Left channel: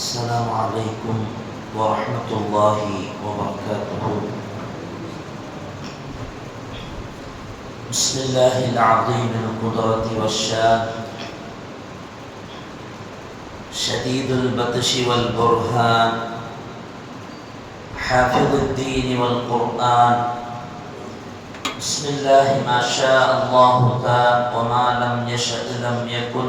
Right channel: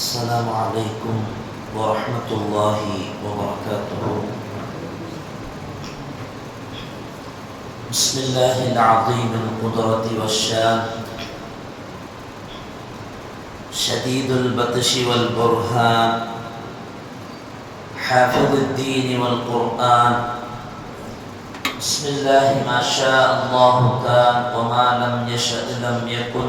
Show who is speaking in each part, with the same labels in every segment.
Speaker 1: السلام عليكم ورحمة الله وبركاته. بسم الله العظيم القدرة والشان. شديد البطش والبرهان. حافظ الدين والقرآن. بسم الله ما شاء الله كان وما لم يشأ لم يكن.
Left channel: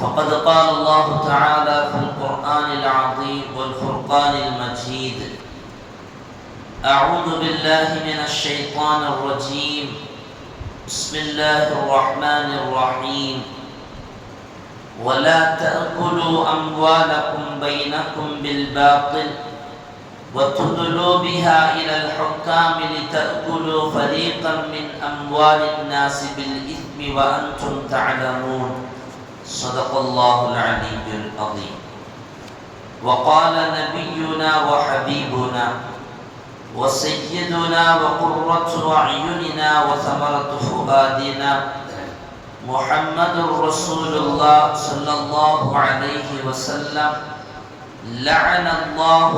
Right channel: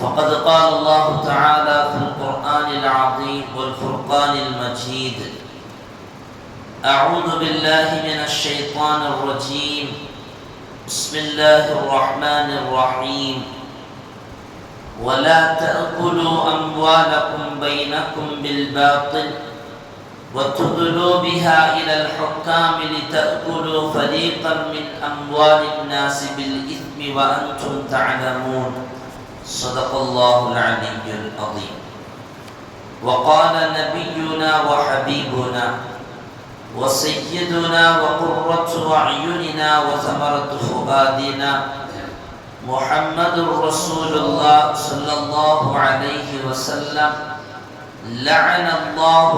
Speaker 1: فقد قال الله تعالى في القرآن العظيم والفرقان المجيد أعوذ بالله من الشيطان الرجيم. بسم الله الرحمن الرحيم. ولا تأكلوا أموالكم بينكم بالباطل وتدلوا بها إلى الحكام لتأكلوا فريقا من أموال الناس بالإثم وأنتم تعلمون. صدق الله العلي العظيم. وقال نبينا وحبيبنا وسيدنا وقرة أعيننا وثمرة فؤادنا محمد رسول الله صلى الله عليه وسلم. لعن الله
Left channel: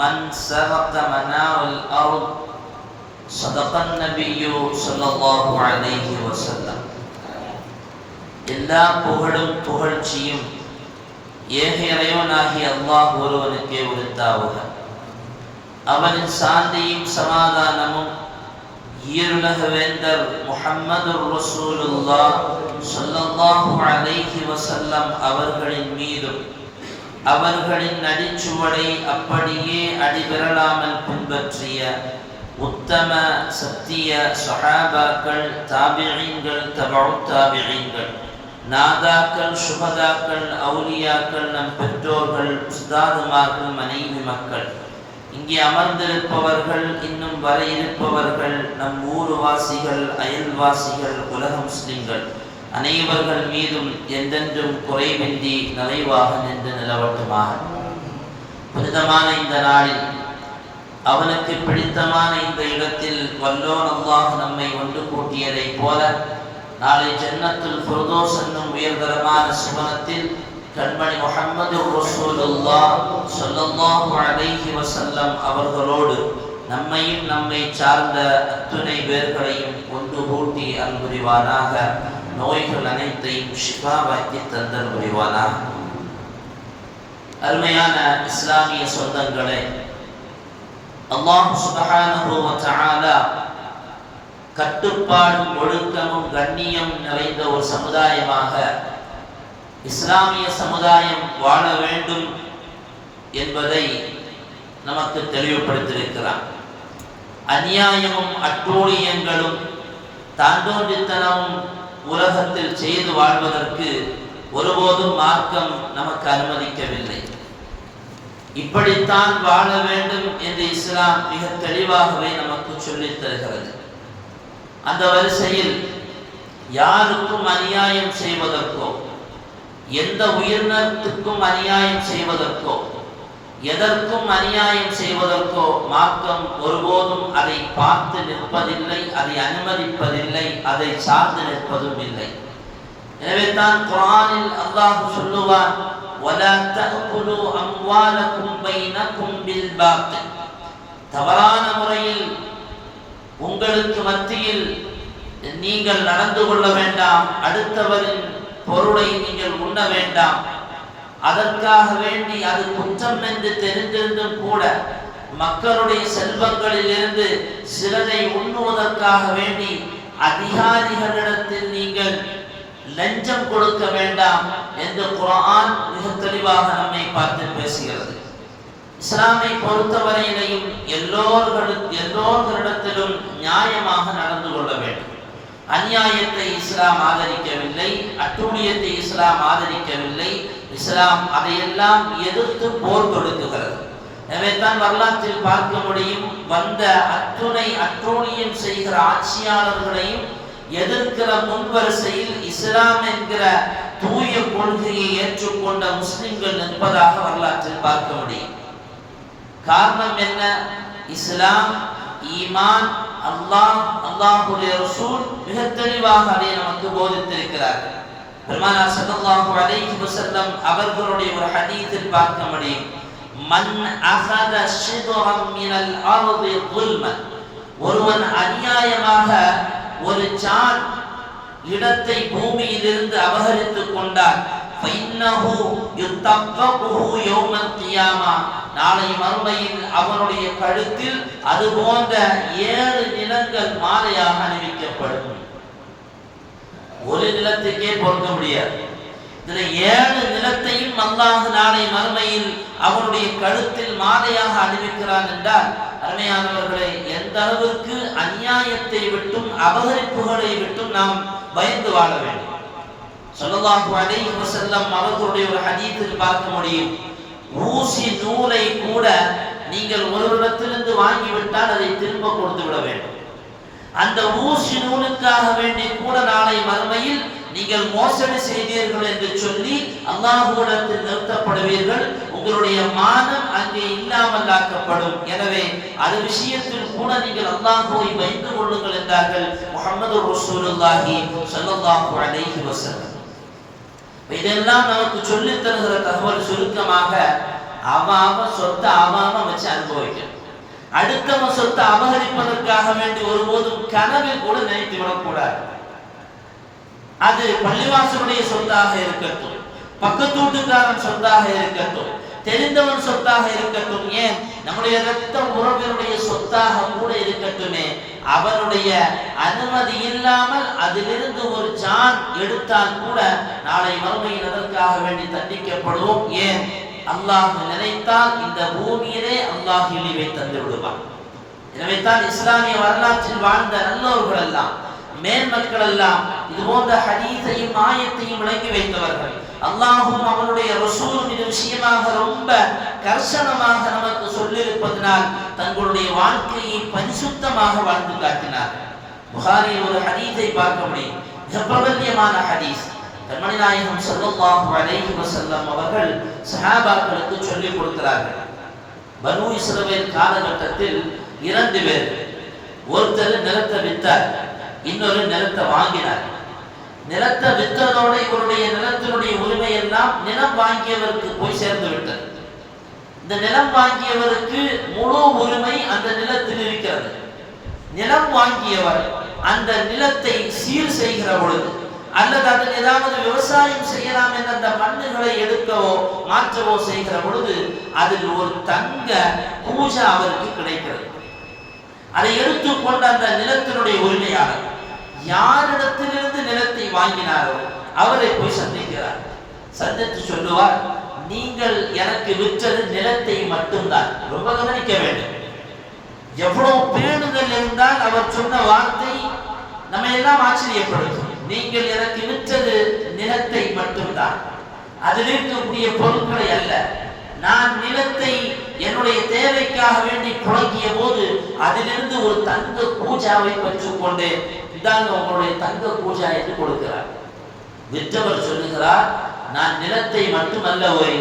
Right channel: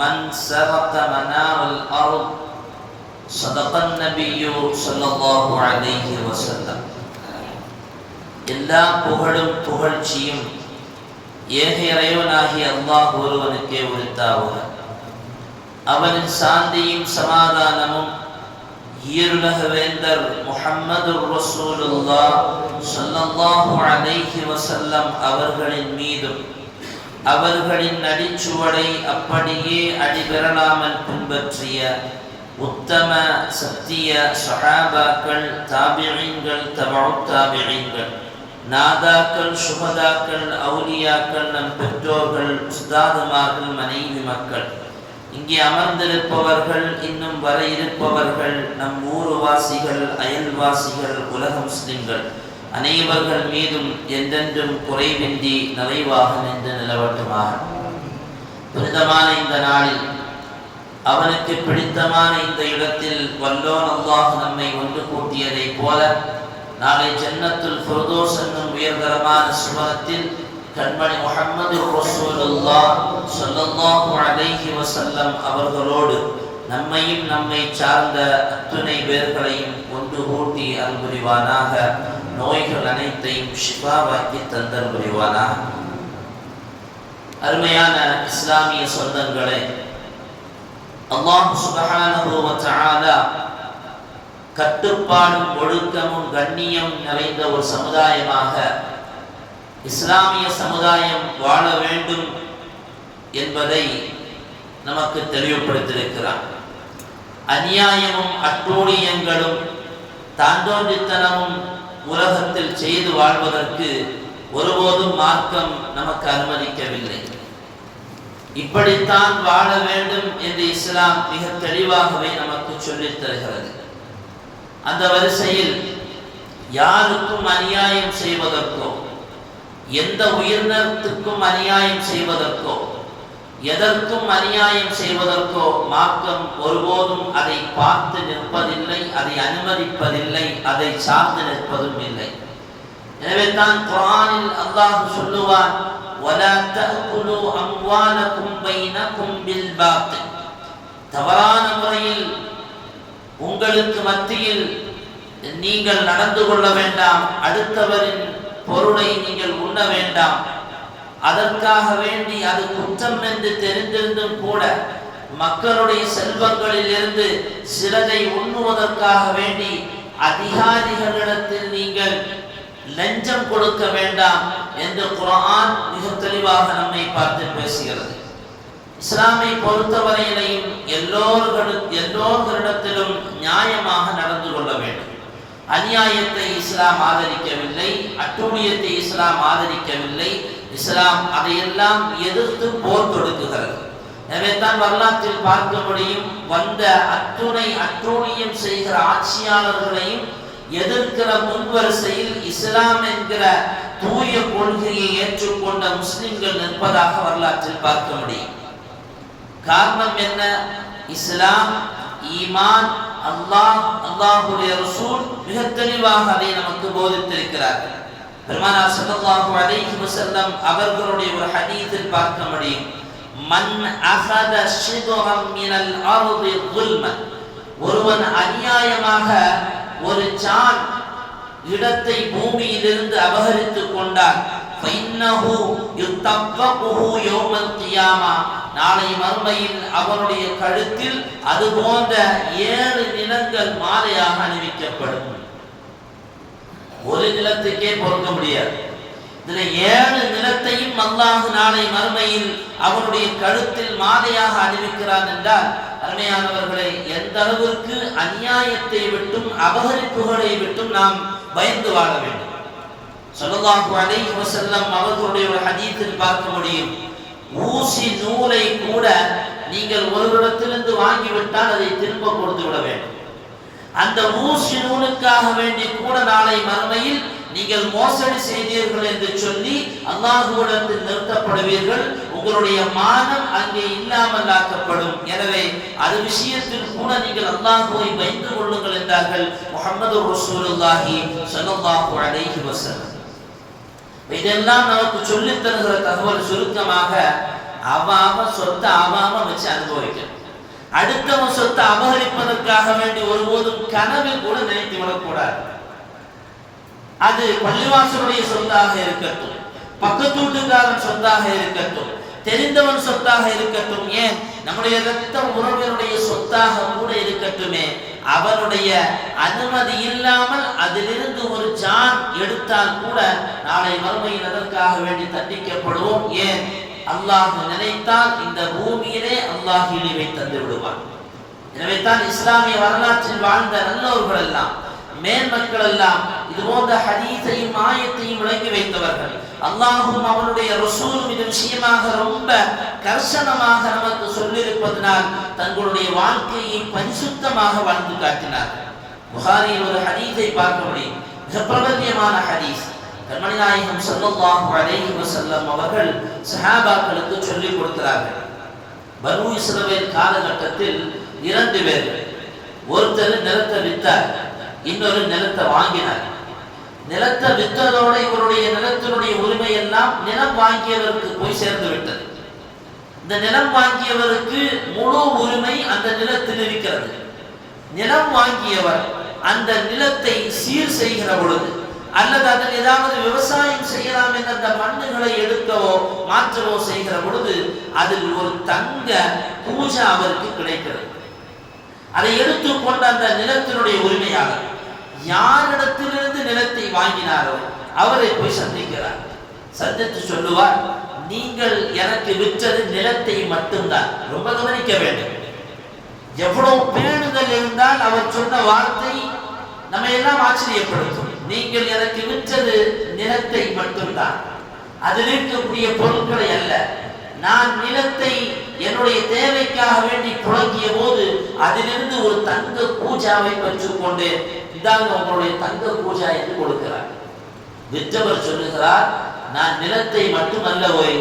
Speaker 1: من سرق منار الأرض. صدق النبي صلى الله عليه وسلم. எல்லா புகழும் புகழ்ச்சியும் ஏக இறைவனாகி அல்லாஹ் ஒருவனுக்கே உரித்தாவுக. அவனின் சாந்தியும் சமாதானமும் ஈருலக வேந்தர் முஹம்மது ரசூலுல்லா சொல்லல்லாஹு அலைஹி வசல்லம் அவர்களின் மீதும் அவர்களின் நடிச்சுவடை அப்படியே அடிபெறலாமல் பின்பற்றிய உத்தம சத்திய சஹாபாக்கள் தாபிழிங்கள் தபு தாபிழிங்கள் நாதாக்கள் சுகதாக்கள் அவுலியாக்கள் நம் பெற்றோர்கள் உஸ்தாதுமார்கள் மனைவி மக்கள் இங்கே அமர்ந்திருப்பவர்கள் இன்னும் வர இருப்பவர்கள் நம் ஊர்வாசிகள் அயல்வாசிகள் உலக முஸ்லிம்கள் அனைவர்கள் மீதும் என்றென்றும் குறைவின்றி நிறைவாக நின்று நிலவட்டுமாக புனிதமான இந்த நாளில் அவனுக்கு பிடித்தமான இந்த இடத்தில் வல்லோன் அல்லாஹ் நம்மை ஒன்று கூட்டியதைப் போல நாளை ஜன்னத்துல் ஃபுர்தோஸ் என்னும் உயர்தரமான சுவனத்தில் கண்மணி முகமது ரசூலுல்லா சொல்லல்லாஹு அலைஹி வஸல்லம் அவர்களோடு நம்மையும் நம்மை சார்ந்த அத்துணை பேர்களையும் ஒன்று கூட்டி அன்புரிவானாக நோய்கள் அனைத்தையும் ஷிஃபாவாக்கி தந்தல் புரிவானாக அருமையான இஸ்லாமிய சொந்தங்களே அல்லாஹ் சுபஹானஹு வ தஆலா கட்டுப்பாடும் ஒழுக்கமும் கண்ணியம் நிறைந்த ஒரு சமுதாயமாக இஸ்லாமிய சமுதாயம் வாழ வேண்டும் என்பதை நமக்கு தெளிவுபடுத்தியிருக்கிறார். அநியாயமும் அட்டூழியங்களும் தாண்டோன்றித்தனமும் உலகத்தில் செய்து வாழ்வதற்கு ஒருபோதும் மார்க்கம் நமக்கு அனுமதிக்கவில்லை. இப்படித்தான் வாழ வேண்டும் என்று இஸ்லாம் மிக தெளிவாகவே நமக்கு சொல்லித் தருகிறது. அந்த வரிசையில் யாருக்கும் அநியாயம் செய்வதற்கோ எந்த உயிரினத்துக்கும் அநியாயம் செய்வதற்கோ எதற்கும் அநியாயம் செய்வதற்கோ மார்க்கம் ஒருபோதும் அதை பார்த்து நிற்பதில்லை அதை அனுமதிப்பதில்லை அதை சார்ந்து நிற்பதும் இல்லை. எனவே தான் குரானில் அல்லாஹ் சொல்லுவார் தவறான முறையில் உங்களுக்கு மத்தியில் நீங்கள் நடந்து கொள்ள வேண்டாம். அடுத்தவரின் பொருளை நீங்கள் உண்ண வேண்டாம். அதற்காக வேண்டி அது குற்றம் என்று தெரிந்திருந்தும் கூட மக்களுடைய செல்வங்களில் இருந்து சிலதை உண்ணுவதற்காக வேண்டி அதிகாரிகளிடத்தில் நீங்கள் லஞ்சம் கொடுக்க வேண்டாம் என்று குரான் மிக தெளிவாக நம்மை பார்த்து பேசுகிறது. இஸ்லாமை பொறுத்தவரையிலையும் எல்லோர்களும் எல்லோர்களிடத்திலும் நியாயமாக நடந்து கொள்ள வேண்டும். அநியாயத்தை இஸ்லாம் ஆதரிக்கவில்லை அட்டூழியத்தை இஸ்லாம் ஆதரிக்கவில்லை இஸ்லாம் அதையெல்லாம் எதிர்த்து போர் தொடுக்குகிறது. எனவே தான் வரலாற்றில் பார்க்க முடியும் வந்த அத்துணை அட்டூழியம் செய்கிற ஆட்சியாளர்களையும் எதிர்க்கிற முன்வரிசையில் இஸ்லாம் என்கிற தூய கொள்கையை ஏற்றுக்கொண்ட முஸ்லிம்கள் நிற்பதாக வரலாற்றில் பார்க்க முடியும். காரணம் என்ன? இஸ்லாம் ஈமான் அல்லாஹ் அல்லாஹுடைய ரசூல் மிக தெளிவாக அதை நமக்கு போதித்திருக்கிறார்கள். பெருமானார் சல்லல்லாஹு அலைஹி வஸல்லம் அவர்களுடைய ஒரு ஹதீஸில் பார்க்க முடியும். மன் அகத ஷிபரம் மினல் அர்தி ظுல்மன் ஒருவன் அநியாயமாக ஒரு சான் இடத்தை பூமியிலிருந்து அபகரித்துக் கொண்டார் ஃபைன்னஹு யுத்தஃபகுஹு யௌமல் கியாமா நாளை மறுமையில் அவனுடைய கழுத்தில் அது போன்ற ஏழு நிலங்கள் மாலையாக அணிவிக்கப்படும். ஒரு நிலத்துக்கே பொறுக்க முடியாது. இதுல ஏழு நிலத்தையும் அல்லாஹ் நாளை மறுமையில் அவனுடைய கழுத்தில் மாலையாக அறிவிக்கிறான் என்றால் அருமையானவர்களை எந்த அளவிற்கு அநியாயத்தை விட்டும் அபகரிப்புகளை விட்டும் நாம் பயந்து வாழ வேண்டும். ஸல்லல்லாஹு அலைஹி வஸல்லம் அவர்களுடைய ஒரு ஹதீஸில் பார்க்க முடியும். ஊசி நூலை கூட நீங்கள் ஒருவரிடத்திலிருந்து வாங்கிவிட்டால் அதை திரும்ப கொடுத்து விட வேண்டும். அந்த ஊசி நூலுக்காக வேண்டி கூட நாளை மறுமையில் நீங்கள் மோசடி செய்தீர்கள் என்று சொல்லி அல்லாஹுவிடத்தில் நிறுத்தப்படுவீர்கள். உங்களுடைய மானம் அங்கே இல்லாமல் ஆக்கப்படும். எனவே அது விஷயத்தில் கூட நீங்கள் அல்லாஹுவை வைத்துக் கொள்ளுங்கள் என்றார்கள் முகமது ரசூலுல்லாஹி ஸல்லல்லாஹு அலைஹி வசல்லம் இதெல்லாம் நமக்கு சொல்லித் தருகிற தகவல் சுருக்கமாக அவன் அவன் சொத்தை அவன் அவன் வச்சு அனுபவிக்கணும் அடுத்தவன் சொத்தை அபகரிப்பதற்காக வேண்டி ஒருபோதும் கனவில் கூட நினைத்து விடக்கூடாது. அது பள்ளிவாசனுடைய சொத்தாக இருக்கட்டும் பக்கத்து வீட்டுக்காரன் சொத்தாக இருக்கட்டும் தெரிந்தவன் சொத்தாக இருக்கட்டும். ஏன்? நம்முடைய இரத்த உறவினுடைய சொத்தாக கூட இருக்கட்டுமே. அவனுடைய அனுமதி இல்லாமல் அதிலிருந்து ஒரு ஜான் எடுத்தால் கூட நாளை மறுமையில் அதற்காக வேண்டி தண்டிக்கப்படுவோம்? ஏன்? அல்லாஹ் நினைத்தால் இந்த பூமியிலே அல்லாஹ் இழிவை தந்து விடுவான். எனவே தான் இஸ்லாமிய வரலாற்றில் வாழ்ந்த நல்லோர்கள் எல்லாம் மேல் மக்கள் எல்லாம் இது போன்ற ஹதீஸையும் ஆயத்தையும் விளங்கி வைத்தவர்கள் அல்லாஹும் அவனுடைய ரசூலும் இது விஷயமாக ரொம்ப கர்சனமாக நமக்கு சொல்லியிருப்பதனால் தங்களுடைய வாழ்க்கையை பரிசுத்தமாக வாழ்ந்து காட்டினார். புகாரில் ஒரு ஹதீஸை பார்க்க முடியும். மிக பிரபல்யமான ஹதீஸ். கண்மணி நாயகம் ஸல்லல்லாஹு அலைஹி வசல்லம் அவர்கள் சஹாபாக்களுக்கு சொல்லிக் கொடுக்கிறார்கள். பனு இஸ்ரவேல் காலகட்டத்தில் இரண்டு பேர். ஒருத்தர் நிலத்தை வித்தார் இன்னொரு நிலத்தை வாங்கினார். நிலத்தை வித்ததோடு இவருடைய நிலத்தினுடைய உரிமை எல்லாம் நிலம் வாங்கியவருக்கு போய் சேர்ந்து விட்டது. இந்த நிலம் வாங்கியவருக்கு முழு உரிமை அந்த நிலத்தில் இருக்கிறது. நிலம் வாங்கியவர் அந்த நிலத்தை சீர் செய்கிற பொழுது அல்லது அதில் ஏதாவது விவசாயம் செய்யலாம் என்ற அந்த மண்ணுகளை எடுக்கவோ மாற்றவோ செய்கிற பொழுது அதில் ஒரு தங்க பூஜா அவருக்கு கிடைக்கிறது. அதை எடுத்துக்கொண்ட அந்த நிலத்தினுடைய உரிமையாளர் யாரிடத்திலிருந்து நிலத்தை வாங்கினாரோ அவரை போய் சந்திக்கிறார். சந்தித்து சொல்லுவார் நீங்கள் எனக்கு விற்றது நிலத்தை மட்டும்தான். ரொம்ப கவனிக்க வேண்டும். எவ்வளவு பேணுதல் இருந்தால் அவர் சொன்ன வார்த்தை நம்ம எல்லாம் ஆச்சரியப்படுத்தும். நீங்கள் எனக்கு விற்றது நிலத்தை மட்டும்தான். அதில் இருக்கக்கூடிய பொருட்களை அல்ல. நான் நிலத்தை என்னுடைய தேவைக்காக வேண்டி புழங்கிய போது அதிலிருந்து ஒரு தங்க பூஜாவை பெற்றுக்கொண்டு இதாங்க உங்களுடைய தங்க பூஜா என்று கொடுக்கிறார். விற்றவர் சொல்லுகிறார் நான் நிலத்தை மட்டுமல்ல ஒரு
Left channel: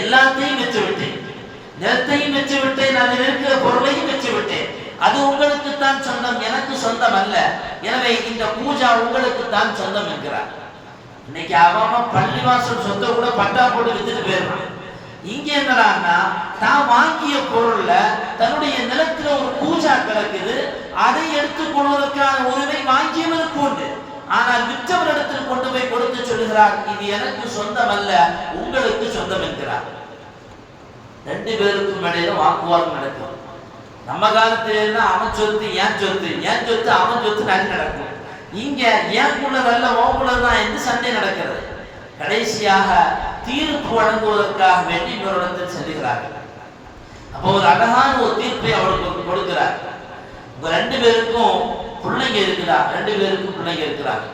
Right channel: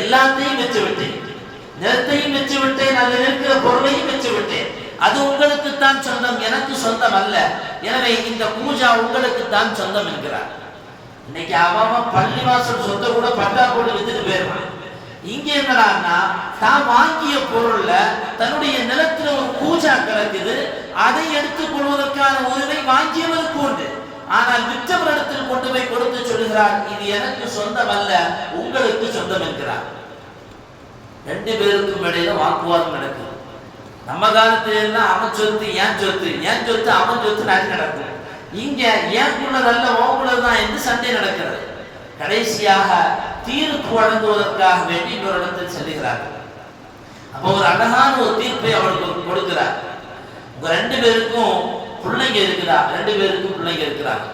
Speaker 1: எல்லாத்தையும் விற்று விட்டேன் நிலத்தையும் விற்று விட்டேன் அதில் இருக்கிற பொருளையும் விற்று விட்டேன் அது உங்களுக்கு தான் சொந்தம் எனக்கு சொந்தம் அல்ல. எனவே இந்த பூஜா உங்களுக்கு தான் சொந்தம் என்கிறார். இன்னைக்கு அவன் பள்ளிவாசல் சொத்தை கூட பட்டா போட்டு வித்துட்டு போயிடுறான். இங்கே என்னடான்னா தான் வாங்கிய பொருள்ல தன்னுடைய நிலத்துல ஒரு பூஜா கிடக்குது அதை எடுத்துக் கொள்வதற்கான உரிமை வாங்கியவருக்கு உண்டு. ஆனால் விற்றவரிடத்தில் கொண்டு போய் கொடுத்து சொல்கிறார் இது எனக்கு சொந்தம் அல்ல உங்களுக்கு சொந்தம் என்கிறார். ரெண்டு பேருக்கும் இடையில வாக்குவாதம் நடக்கும். நம்ம காலத்துல எல்லாம் அவன் சொத்து ஏன் சொத்து ஏன் சொத்து அவன் சொத்து அது நடக்கும். இங்க ஏன்குள்ளதல்ல ஓங்குள்ளதுதான் என்று சண்டை நடக்கிறது. கடைசியாக தீர்ப்பு வழங்குவதற்காக வேண்டி இன்னொரு இடத்தில் செல்லுகிறார்கள் அப்போ ஒரு அழகான ஒரு தீர்ப்பை அவளுக்கு கொடுக்கிறார். உங்க ரெண்டு பேருக்கும் பிள்ளைங்க இருக்குதா? ரெண்டு பேருக்கும் பிள்ளைங்க இருக்கிறாங்க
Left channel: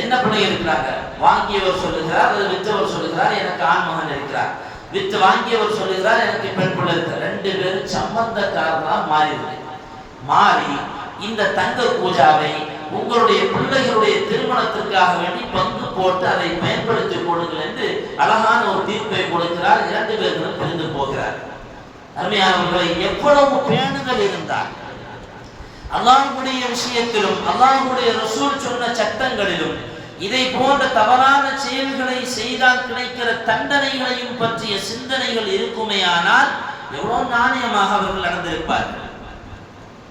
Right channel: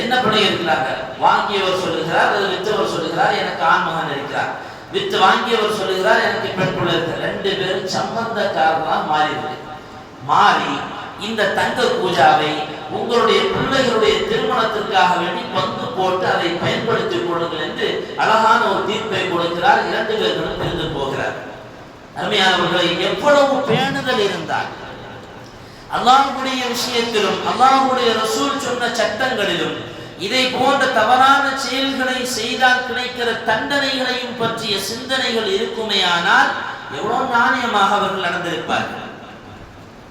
Speaker 1: என்ன பிள்ளைங்க இருக்கிறாங்க? வாங்கியவர் சொல்லுகிறார் அது வித்தவர் சொல்லுகிறார் எனக்கு ஆண் மகன் இருக்கிறார். வித்து வாங்கியவர் சொல்லுகிறார் எனக்கு பெண் பிள்ளை இருக்கு ரெண்டு பேரும் சம்பந்தக்காரனா மாறிவிடு மாறி இந்த தங்க பூஜாவை உங்களுடைய பிள்ளைகளுடைய திருமணத்திற்காக வேண்டி பங்கு போட்டு அதை பயன்படுத்திக் கொள்ளுங்கள் என்று அழகான ஒரு தீர்ப்பை கொடுக்கிறார். இரண்டு பேர்களும் பிரிந்து போகிறார். அருமையானவர்களை எவ்வளவு பேணுதல் இருந்தால் அல்லாஹுடைய விஷயத்திலும் அல்லாஹுடைய ரசூல் சொன்ன சட்டங்களிலும் இதை போன்ற தவறான செயல்களை செய்தால் கிடைக்கிற தண்டனைகளையும் பற்றிய சிந்தனைகள் இருக்குமேயானால் எவ்வளவு நாணயமாக அவர்கள் நடந்திருப்பார்கள்.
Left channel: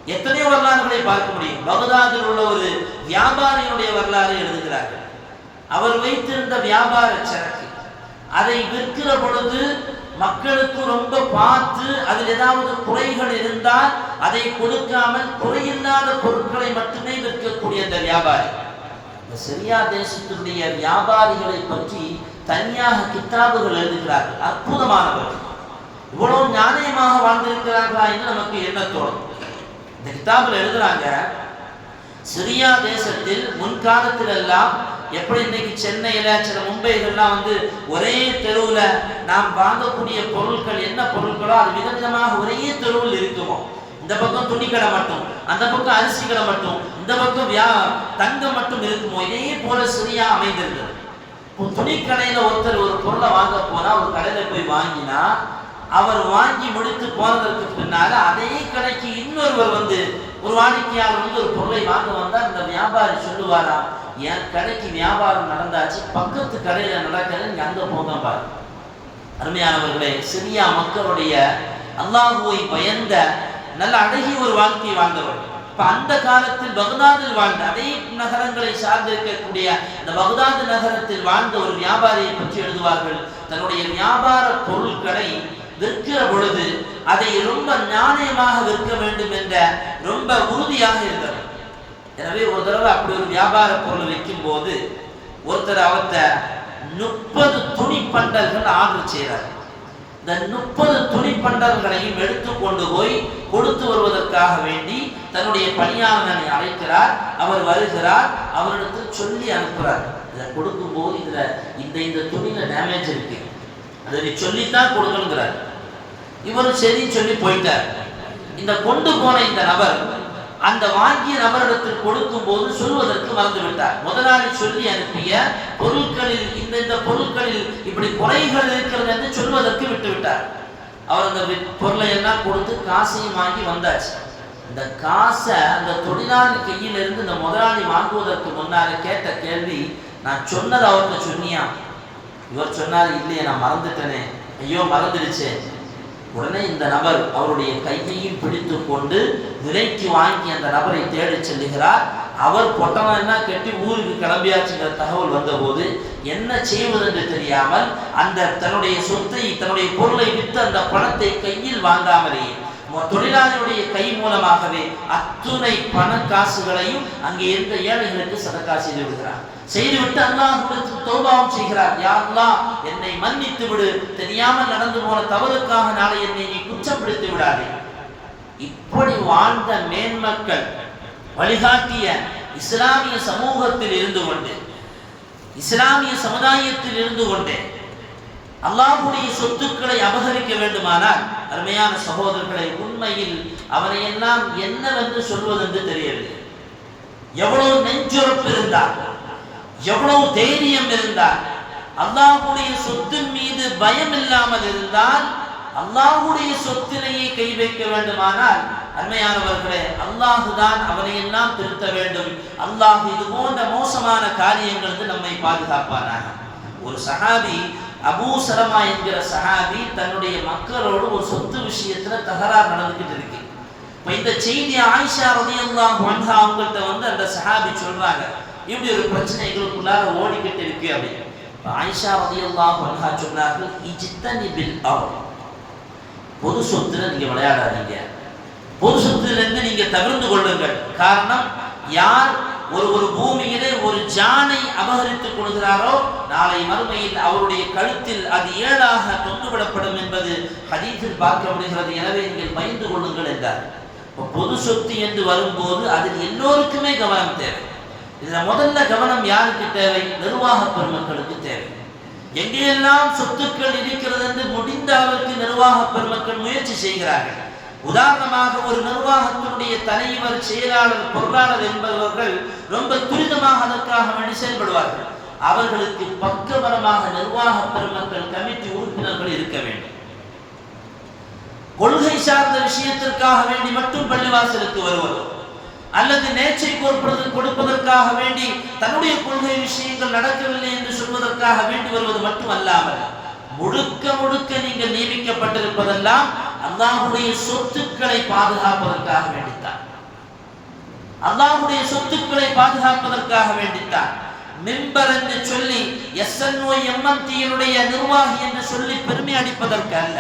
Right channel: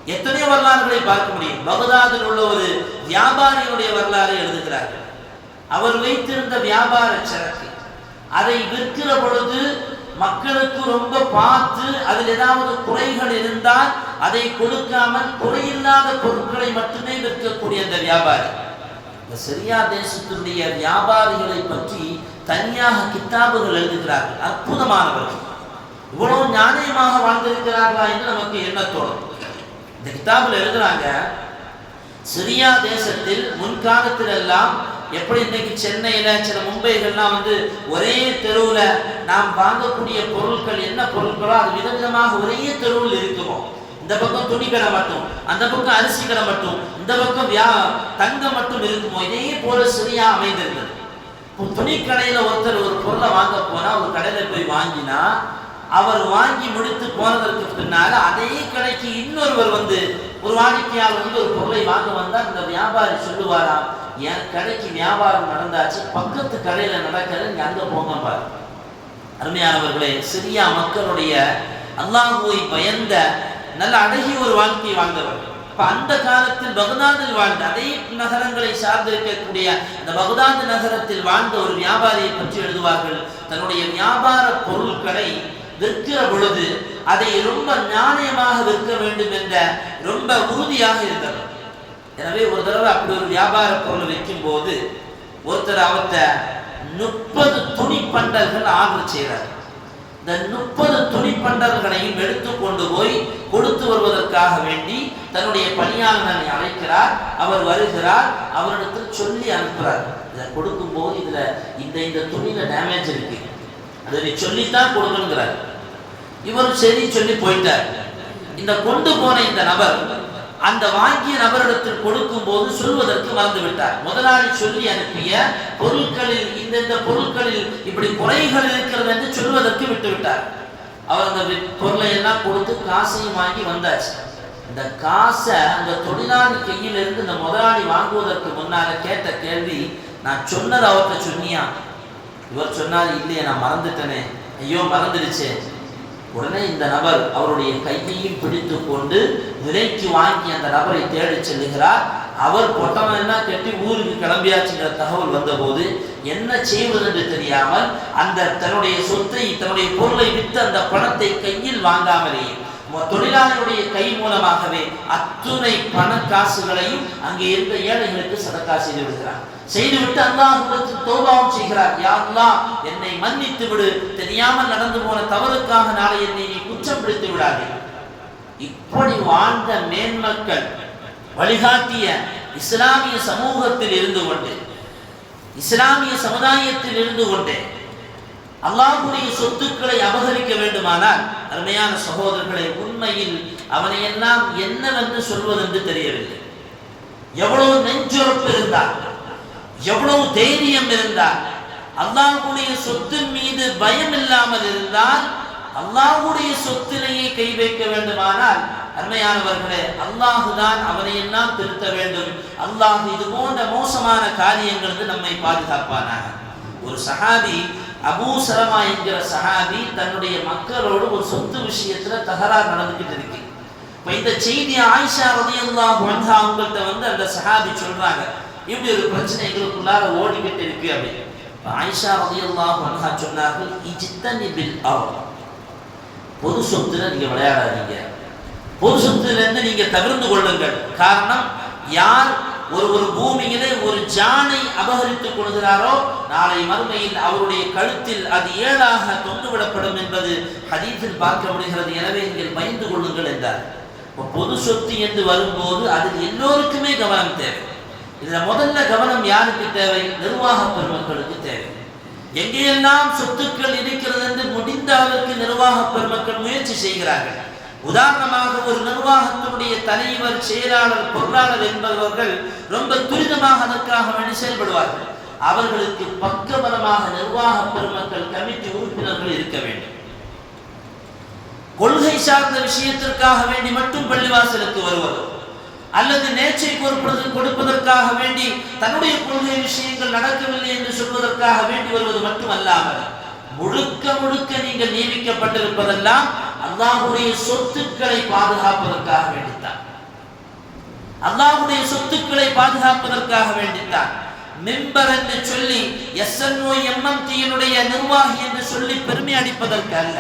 Speaker 1: எத்தனையோ வரலாறுகளை பார்க்க முடியும். பகதாதில் உள்ள ஒரு வியாபாரியுடைய வரலாறு எழுதுகிறார்கள். அவர் வைத்திருந்த வியாபார சரக்கு. அதை விற்கிற பொழுது மக்களுக்கு ரொம்ப பார்த்து அதில் ஏதாவது குறைகள் இருந்தால் அதை கொடுக்காமல் குறையில்லாத பொருட்களை மட்டுமே விற்கக்கூடிய அந்த வியாபாரி. இந்த சிரியா தேசத்தினுடைய வியாபாரிகளை பற்றி தனியாக கித்தாபுகள் எழுதுகிறார்கள். அற்புதமானவர்கள். இவ்வளவு நாணயமாக வாழ்ந்திருக்கிறார்களா என்று நமக்கு என்ன தோணும்? இந்த கிதாபில் எழுதுறாங்க சிரியா தேசத்தில் முன்காலத்தில் எல்லாம் எப்படி இன்னைக்கு சென்னையில சில மும்பைகள்லாம் வந்து ஒரே தெருவில் நாம் வாங்கக்கூடிய பொருட்கள் என்ன பொருட்களோ அது விதவிதமாக ஒரே தெருவில் இருக்கிறோம் இந்த பக்கம் துணிக்கடை மட்டும் அந்த பக்கம் அரிசி கடை மட்டும் இந்த பக்கம் வியா தங்கம் மட்டும் இருக்குமோ? இதே போல சிறியா அமைந்திருந்தது. இப்போ ஒருத்தர் ஒரு பொருளை வாங்க போனா ஒரு கடையில போய் வாங்கினா அவர் வாங்கி முடித்து போனதற்கு பின்னால அதே கடைக்கு இன்னொருவர் வந்து ஒரு வாடிக்கையாளர் வந்து ஒரு பொருளை வாங்க வந்தால் இந்த வியாபாரி சொல்லுவாராம் என் கடைக்கு வியாபாரம் நடந்தாச்சு பக்கத்து கடையில் நடக்கிறது இங்கே அங்கே போங்க பாரு. அருமையானவர்களே சிரியா மக்களுடைய அல்லாஹுவை பயந்த நல்ல அழகிய ஒரு வாழ்க்கையை வாழ்ந்தவர்கள் இப்போ அந்த காலத்தில் பகுதாதில் வாழ்ந்த அதே நகரங்களை சார்ந்திருக்கக்கூடிய அந்த பகுதாது நகரத்தில் வாழ்ந்த ஒரு வியாபாரியை பற்றி எழுதுவார்கள் தன்னுடைய வியாபார பொருட்களை விற்கிற பொழுது அதை ரொம்ப நாணயமாக விற்க வேண்டும் என்ற ரொம்ப உறுதியாக இருந்தவர் எனவே ஒரு தடவை அப்படி ஒரு வியாபார பொருள் வைக்கும் போது ஒருத்தர் அவர்கிட்ட முப்பது துணி பண்டல்கள் ஆர்டர் செய்கிறார் இந்த முப்பது துணி பண்டல்களையும் எடுத்து கொண்டு போய் கொடுத்து வருவதற்காக வேண்டி தன்னுடைய பணியாளனை அழைக்கிறார். அவர் வருகிறார். அவரிடத்தில் சொல்லி அனுப்புகிறார் இதை கொடுக்கும்போது இதில் இந்த இந்த துணியில டேமேஜ் இருக்கு. அதை நீ சொல்லித்தான் கொடுக்கணுங்கிறார். இவரும் சரி சொல்லி போயிட்டார். இந்த கொண்டு போன இந்த நபர் அந்த வாங்கிய நபரிடத்தில் கொடுக்கும் போது சொல்வதற்கு மறந்து விட்டார் முதலாளி சொல்லி அனுப்பிய பொருட்களில் இந்த இந்த பொருட்களில் இப்படி குறைகள் இருக்கிறது என்று சொல்வதற்கு விட்டு விட்டார் அவர் அந்த பொருளை எல்லாம் கொடுத்து காசையும் வாங்கி வந்தாச்சு. இந்த காசை அந்த தொழிலாளி கையிலிருந்து இந்த முதலாளி வாங்குவதற்கு முன்னால கேட்ட கேள்வி நான் சொன்னது அவர்கிட்ட சொன்னியா? இவர் சொன்னார் இல்லையே நான் மறந்துட்டேனே. ஐயோ மறந்துடுச்சே. உடனே இந்த நபர் அவருடைய கையையும் பிடித்து கொண்டு விலைக்கு வாங்கி அந்த நபரை தேடி செல்லுகிறார். அவர் பொட்டவன் கட்டி ஊருக்கு கிளம்பியாச்சுங்கிற தகவல் வந்தபோது என்ன செய்வது என்று தெரியாமல் அந்த தன்னுடைய சொத்தை தன்னுடைய பொருளை விற்று அந்த பணத்தை கையில் வாங்காமலேயே தொழிலாளருடைய தொழிலாளியுடைய கை மூலமாகவே அத்துணை பண காசுகளையும் அங்கே இருந்த ஏழைகளுக்கு சதக்கா செய்து விடுகிறார். செய்துவிட்டு அல்லாஹ்விடத்தில் தௌபாவும் செய்கிறார். யா என்னை மன்னித்து விடு. தெரியாமல் நடந்து போன தவறுக்காக நாளை என்னை நீ குற்றம் பிடித்து விடாதே. இப்படி வாழ்ந்த மேன்மக்கள் வழிகாட்டிய இஸ்லாமிய சமூகத்தில் இருந்து கொண்டு இஸ்லாமிய சமுதாயத்தில் இருந்து கொண்டே அல்லாஹுடைய சொத்துக்களை அபகரிக்க வேண்டுமானால் அருமையான சகோதரர்களை உண்மையில் அவனையெல்லாம் என்னவென்று சொல்வதென்று தெரியவில்லை. எவ்வளவு நெஞ்சுரப்பு இருந்தால் எவ்வளவு தைரியம் இருந்தால் அல்லாஹுடைய சொத்தின் மீது பயம் இல்லாமல் இருந்தால் அல்லாஹுடைய சொத்திலேயே கை வைக்க வேண்டுமானால் அருமையானவர்களே அல்லாஹுதான் அவனையெல்லாம் திருத்த வேண்டும். அல்லாஹ் இது போன்ற மோசமான காரியங்களுக்கு நம்மை பாதுகாப்பானாக. ஒரு சஹாபி அபூ சலமா என்கிற சஹாபி தன்னுடைய மக்களோடு ஒரு சொத்து விஷயத்துல தகராறு நடந்துகிட்டு இருக்கு. இப்ப இந்த செய்தி ஆயிஷா ரலியல்லாஹு வந்தா அவங்கள்ட்ட வந்து அந்த சஹாபி சொல்றாங்க. இப்படி ஒரு பிரச்சனை எங்களுக்குள்ளார ஓடிக்கிட்டு இருக்கு அப்படின்னு. இப்போ ஆயிஷா ரலியல்லாஹு வந்தா சொன்னார்கள் இஜ்தனி பில் அவ் பொது சொத்துல நீங்க விளையாடாதீங்க. பொது சொத்திலிருந்து நீங்க தவிர்த்து கொள்ளுங்கள். காரணம் யார் ஒரு ஒரு பூமியிலே ஒரு ஜானை அபகரித்துக் கொள்கிறாரோ நாளை மறுமையில் அவருடைய கழுத்தில் அது ஏழாக தொங்குவிடப்படும் என்பது ஹதீஸில் பார்க்க முடிகிறது எனவே நீங்கள் பயந்து கொள்ளுங்கள் என்றார். இப்போ பொது சொத்து என்று வரும்போது அதில் எல்லோருக்குமே கவனம் தேவை. இதில் முதல்ல கவனம் யாருக்கு தேவை? நிர்வாக பெருமக்களுக்கு தேவை. எங்கேயெல்லாம் சொத்துக்கள் இருக்கிறது என்று முடிந்த அளவுக்கு நிர்வாக பெருமக்கள் முயற்சி செய்கிறார்கள்? உதாரணமாக ஒரு நிர்வாகத்தினுடைய தலைவர் செயலாளர் பொருளாளர் என்பவர்கள் ரொம்ப துரிதமாக அதற்காக வேண்டி செயல்படுவார்கள். அவர்களுக்கு பக்கபலமாக நிர்வாக பெருமக்கள் கமிட்டி உறுப்பினர்கள் இருக்க வேண்டும். கொள்கை சார்ந்த விஷயத்திற்காக வேண்டி மட்டும் பள்ளிவாசலுக்கு வருவதோ அல்லது நேச்சை கோர்ப்பது கொடுப்பதற்காக வேண்டி தன்னுடைய கொள்கை விஷயங்கள் நடக்கவில்லை என்று சொல்வதற்காக வேண்டி வருவது மட்டுமல்லாமல் முழுக்க முழுக்க நீங்கள் நியமிக்கப்பட்டிருப்பதெல்லாம் அல்லாஹுடைய சொத்துக்களை பாதுகாப்பதற்காக வேண்டித்தான். அல்லாஹுடைய சொத்துக்களை பாதுகாப்பதற்காக வேண்டித்தான். மெம்பர் என்று சொல்லி எஸ்என்ஓ எம்எம்டியினுடைய நிர்வாகி என்று சொல்லி பெருமை அடிப்பதற்கு அல்ல.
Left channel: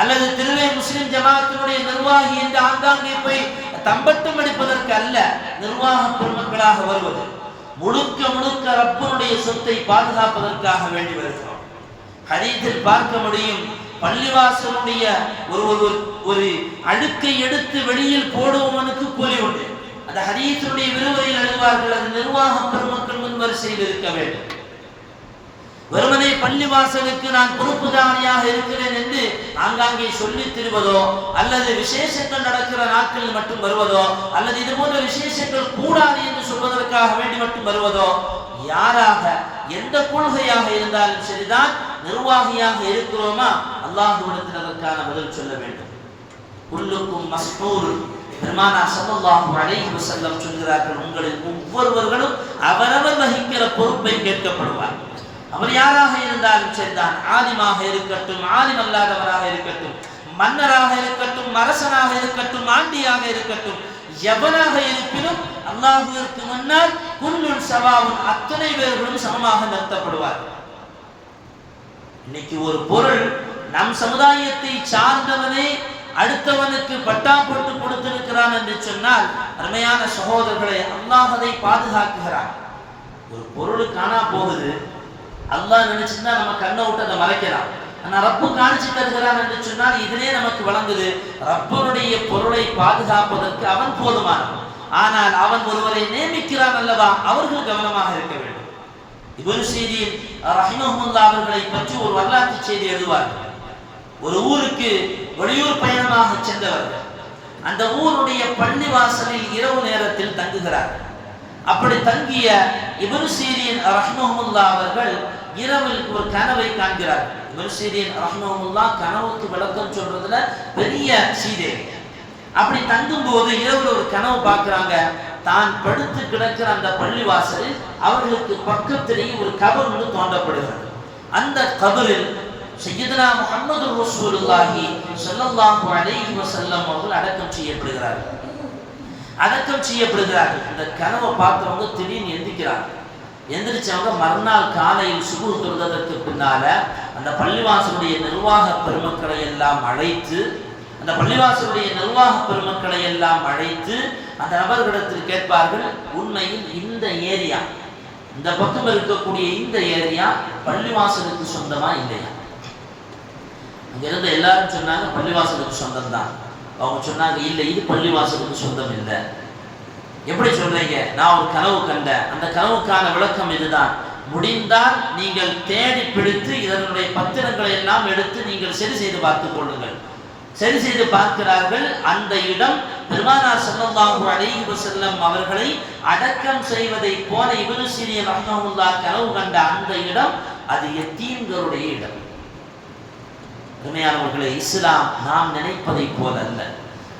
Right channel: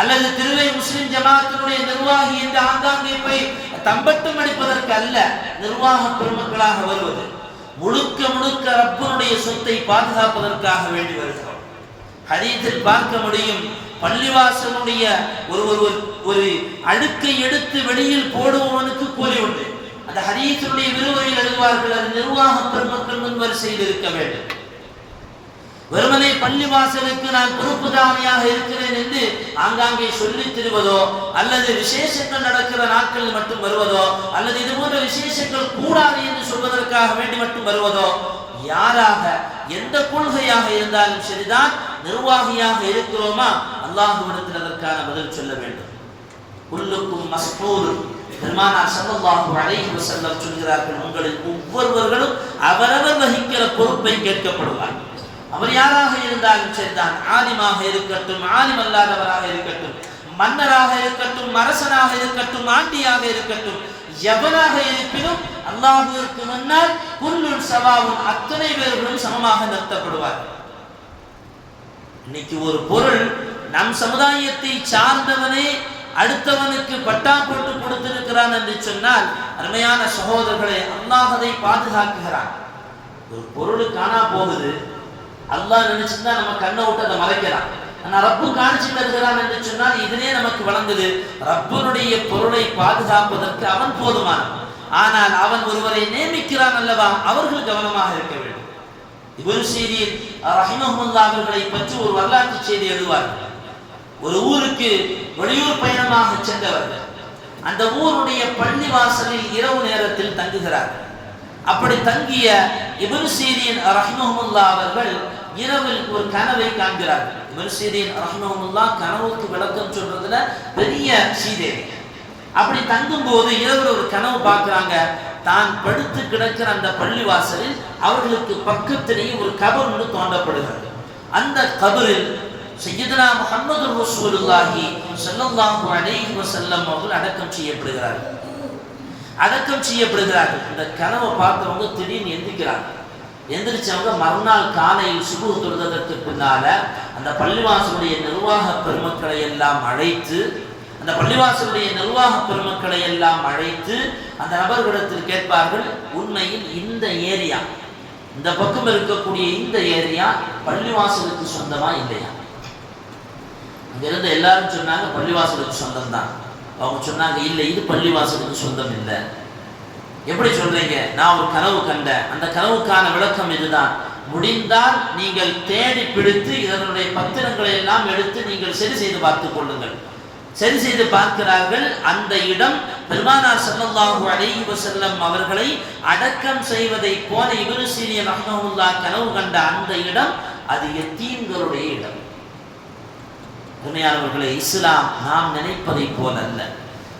Speaker 1: அல்லது திருவே முஸ்லிம் ஜமாத்தினுடைய நிர்வாகி என்று ஆங்காங்கே போய் தம்பட்டம் அடிப்பதற்கு அல்ல. நிர்வாக பெருமக்களாக வருவது. முழுக்க முழுக்க ரப்பனுடைய சொத்தை பாதுகாப்பதற்காக வேண்டி வருகிறது. ஹதீஸில் பார்க்க முடியும். பள்ளிவாசனுடைய ஒரு ஒரு ஒரு அழுக்கை எடுத்து வெளியில் போடுபவனுக்கு கூலி உண்டு. அந்த ஹதீஸுடைய விருவரையில் அறிவார்கள் அது நிர்வாக பெருமக்கள் முன் வரிசையில் இருக்க வேண்டும். வெறுமனே பள்ளிவாசலுக்கு நான் பொறுப்புதானியாக இருக்கிறேன் என்று ஆங்காங்கே சொல்லி திருவதோ அல்லது விசேஷங்கள் நடக்கிற நாட்களில் மட்டும் வருவதோ அல்லது இது போன்ற விசேஷங்கள் கூடாது என்று சொல்வதற்காக வேண்டி மட்டும் வருவதோ யாராக எந்த கொள்கையாக இருந்தாலும் சரிதான். நிர்வாகியாக இருக்கிறோமா? அல்லாஹுவிடத்தில் அதற்கான பதில் செல்ல வேண்டும். உள்ளுக்கும் மஸ்பூர் பெருமானார் ஸல்லல்லாஹு அலைஹி வஸல்லம் சொல்கிறார்கள் உங்களில் ஒவ்வொருவர்களும் அவரவர் வகிக்கிற பொறுப்பை கேட்கப்படுவார். அவர் யாராக இருந்தாலும் சரிதான். ஆலிமாக இருக்கட்டும் ஆலிம் அல்லாதவராக இருக்கட்டும் மன்னராக இருக்கட்டும் அரசனாக இருக்கட்டும் ஆண்டியாக இருக்கட்டும் எவனாக இருப்பினும் அல்லாஹுவிற்கு முன்னால் குல்லுல் சவாவும் அத்தனை பேர்களும் சமமாக நிறுத்தப்படுவார்கள். இன்னைக்கு ஒரு பொருள் நம் சமுதாயத்தை சார்ந்தவனே அடுத்தவனுக்கு பட்டா போட்டு கொடுத்திருக்கிறான் என்று சொன்னால் அருமையான சகோதரர்களை அல்லாஹ் அதை பாதுகாக்குகிறான் ஒரு பொருள் காணா போகுது. அல்லாஹ் நினைச்சுன்னா நம்ம கண்ணை விட்டு அதை மறைக்கலாம். ஆனா ரப்பு காணிச்சு தருகிறான் என்று சொன்னால் இதுவே நமக்கு வழங்குது ரப்பனுடைய பொருளை பாதுகாப்பதற்கு அவன் போதுமானவன். ஆனால் அவன் ஒருவரை நியமிக்கிறான் அல்லவா? அவர்கள் கவனமாக இருக்க வேண்டும். இவர் செய்தியில் ரஹிமஹுல்லா அவர்களை பற்றி ஒரு வரலாற்று செய்தி எழுதுவார்கள். ஒரு ஊருக்கு வெளியூர் பயணமாக சென்றவர்கள். அந்த ஊருடைய பள்ளி வாசலில் இரவு நேரத்தில் தங்குகிறார்கள். அப்படி தங்கிய இபனு சீரியின் ரஹ்மஹமுல்லா அவர்கள் இரவில் ஒரு கனவை காண்கிறார்கள். இபனு சீரியின் ரஹ்மஹமுல்லா கனவுக்கு விளக்கம் சொல்றதுல பெரிய சீதே. அப்படி தங்கும் போது இரவில் ஒரு கனவு பார்க்குறாங்க. தான் படுத்து கிடக்கிற அந்த பள்ளிவாசலில் அவர்களுக்கு பக்கத்திலேயே ஒரு கபர் ஒன்று தோண்டப்படுகிறது. அந்த கபரில் சையதனா முகமது ரசூலுல்லாஹி சல்லல்லாஹு அலைஹி வஸல்லம் அவர்கள் அடக்கம் செய்யப்படுகிறார்கள். அடக்கம் செய்யப்படுகிறார்கள். இந்த கனவை பார்த்தவங்க திடீர்னு எந்திக்கிறாங்க. எந்திரிச்சவங்க மறுநாள் காலையில் சுகு தொழுதற்கு பின்னால அந்த பள்ளிவாசலுடைய நிர்வாக பெருமக்களை எல்லாம் அழைத்து அந்த பள்ளிவாசலுடைய நிர்வாக பெருமக்களை எல்லாம் அழைத்து அந்த நபர்களிடத்தில் கேட்பார்கள் உண்மையில் இந்த ஏரியா இந்த பக்கம் இருக்கக்கூடிய இந்த ஏரியா பள்ளிவாசலுக்கு சொந்தமா இல்லையா? அங்கிருந்து எல்லாரும் சொன்னாங்க பள்ளிவாசலுக்கு சொந்தம் தான். அவங்க சொன்னாங்க இல்லை இது பள்ளிவாசலுக்கு சொந்தம் இல்லை. எப்படி சொல்றீங்க? நான் ஒரு கனவு கண்டேன். அந்த கனவுக்கான விளக்கம் இதுதான். முடிந்தால் நீங்கள் தேடி பிடித்து இதனுடைய பத்திரங்களை எல்லாம் எடுத்து நீங்கள் சரி செய்து பார்த்துக் கொள்ளுங்கள். சரி செய்து பார்க்கிறார்கள். அந்த இடம் பெருமானார் ஸல்லல்லாஹு அலைஹி செல்லம் அவர்களை அடக்கம் செய்வதை போல இவரு சீரியன் ரஹ்மஹுல்லா கனவு கண்ட அந்த இடம் அது எத்தீம்களுடைய இடம். அருமையானவர்களே இஸ்லாம் நாம் நினைப்பதை போல அல்ல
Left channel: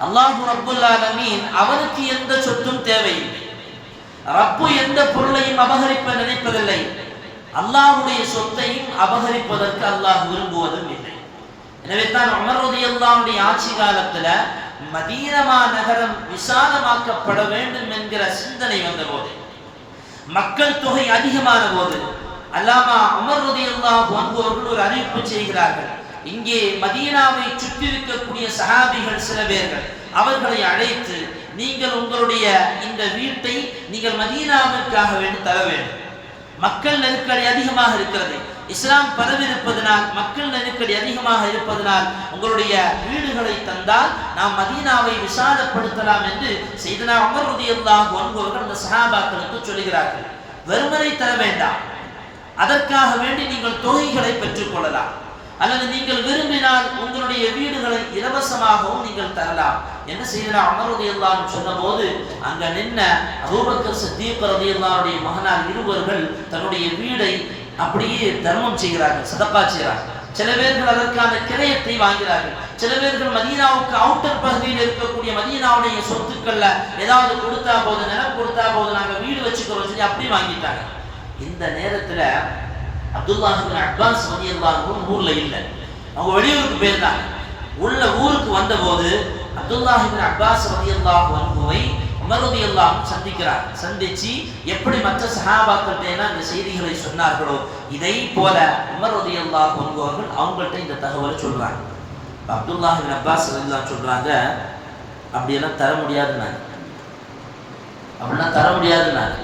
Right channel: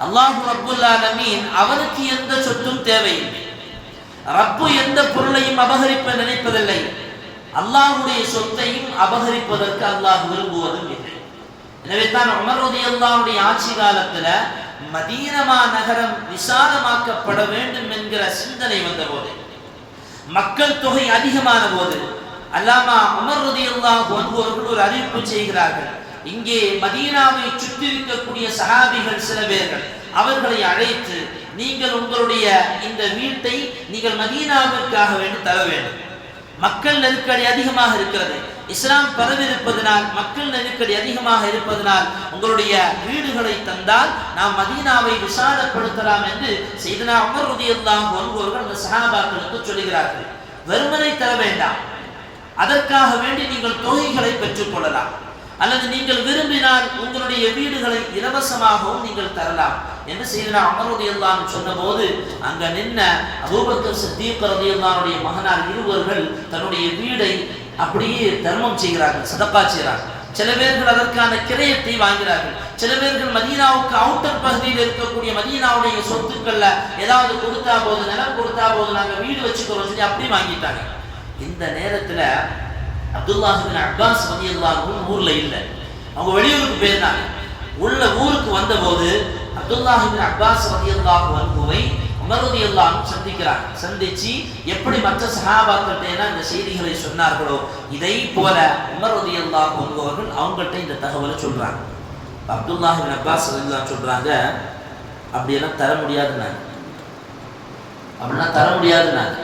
Speaker 1: அல்லாஹு அப்துல்லா நமீன் அவருக்கு எந்த சொத்தும் தேவையில்லை. ரப்பு எந்த பொருளையும் அபகரிப்ப நினைப்பதில்லை. அல்லாஹுடைய சொத்தையும் அபகரிப்பதற்கு அல்லாஹ் விரும்புவதும் இல்லை. எனவே தான் உமர் அல்லாவுடைய ஆட்சி காலத்துல மதீனமா நகரம் விசாலமாக்கப்பட வேண்டும் என்கிற சிந்தனை வந்தபோது மக்கள் தொகை அதிகமான போது அல்லாமா உமர் ரலியல்லாஹு அவர்கள் ஒரு அறிவிப்பு செய்கிறார்கள். இங்கே மதீனாவை சுற்றி இருக்கக்கூடிய சகாபிகள் சில பேர்கள் அவர்களை அழைத்து நீங்கள் உங்களுடைய இந்த வீட்டை நீங்கள் மதீனாவிற்காக வேண்டி தர வேண்டும். மக்கள் நெருக்கடி அதிகமாக இருக்கிறது. இஸ்லாம் பரவி இருப்பதனால் மக்கள் நெருக்கடி அதிகமாக இருப்பதனால் உங்களுடைய வீடுகளை தந்தால் நாம் மதீனாவை விசாலப்படுத்தலாம் என்று செய்தனா அமர் ரதியல்லாஹு அன்ஹு அந்த சகாபாக்களுக்கு சொல்லுகிறார்கள். வெறுமனை தர வேண்டாம். அதற்காக வேண்டி நீங்கள் தொகைகளை பெற்றுக் கொள்ளலாம். அல்லது நீங்கள் விரும்பினால் உங்களுடைய வீடுகளை இலவசமாகவும் நீங்கள் தரலாம் என்று செய்தனா அமர் ரதியல்லாஹு சொன்னபோது அங்க நின்ன அபூபக்கர் சித்தீக் ரதியல்லாஹுடைய மகனார் இருவர்கள் தன்னுடைய வீடை அப்படியே தர்மம் செய்கிறார்கள் சதப்பா செய்கிறார்கள். சில பேர்கள் அதற்கான கிரயத்தை வாங்கிறார்கள். சில பேர்கள் மதீனாவுக்கு அவுட்டர் பகுதியில் இருக்கக்கூடிய மதீனாவுடைய சொத்துக்கள்ல ஏதாவது கொடுத்தா போது நிலம் கொடுத்தா போது நாங்கள் வீடு வச்சுக்கிறோம் சொல்லி அப்படி வாங்கிட்டாங்க. இந்த நேரத்துல அப்துல்லாஹிபின் அப்பாஸ் ரலியல்லாஹு ஊர்ல இல்லை. அவங்க வெளியூருக்கு போயிருந்தாங்க. உள்ள ஊருக்கு வந்தபோது அப்துல்லாஹிபின் அட்வான்ஸ் ரலியல்லாஹு வந்துவை உமர் எல்லாம் சந்திக்கிறார். சந்திச்சு எப்படி மற்ற சஹாபாக்கள்கிட்ட இந்த செய்திகளை சொன்னார்களோ இதை போல உமர் எல்லாம் அன்ஹு அவங்கள்ட்ட இந்த தகவலை சொல்றாங்க. அப்துல்லாஹிபின் அப்பாஸ் ரலியல்லாஹு சொல்றாங்க அப்படியெல்லாம் தர முடியாதுன்னாங்க. அப்படிலாம் தர முடியாதுன்னாங்க.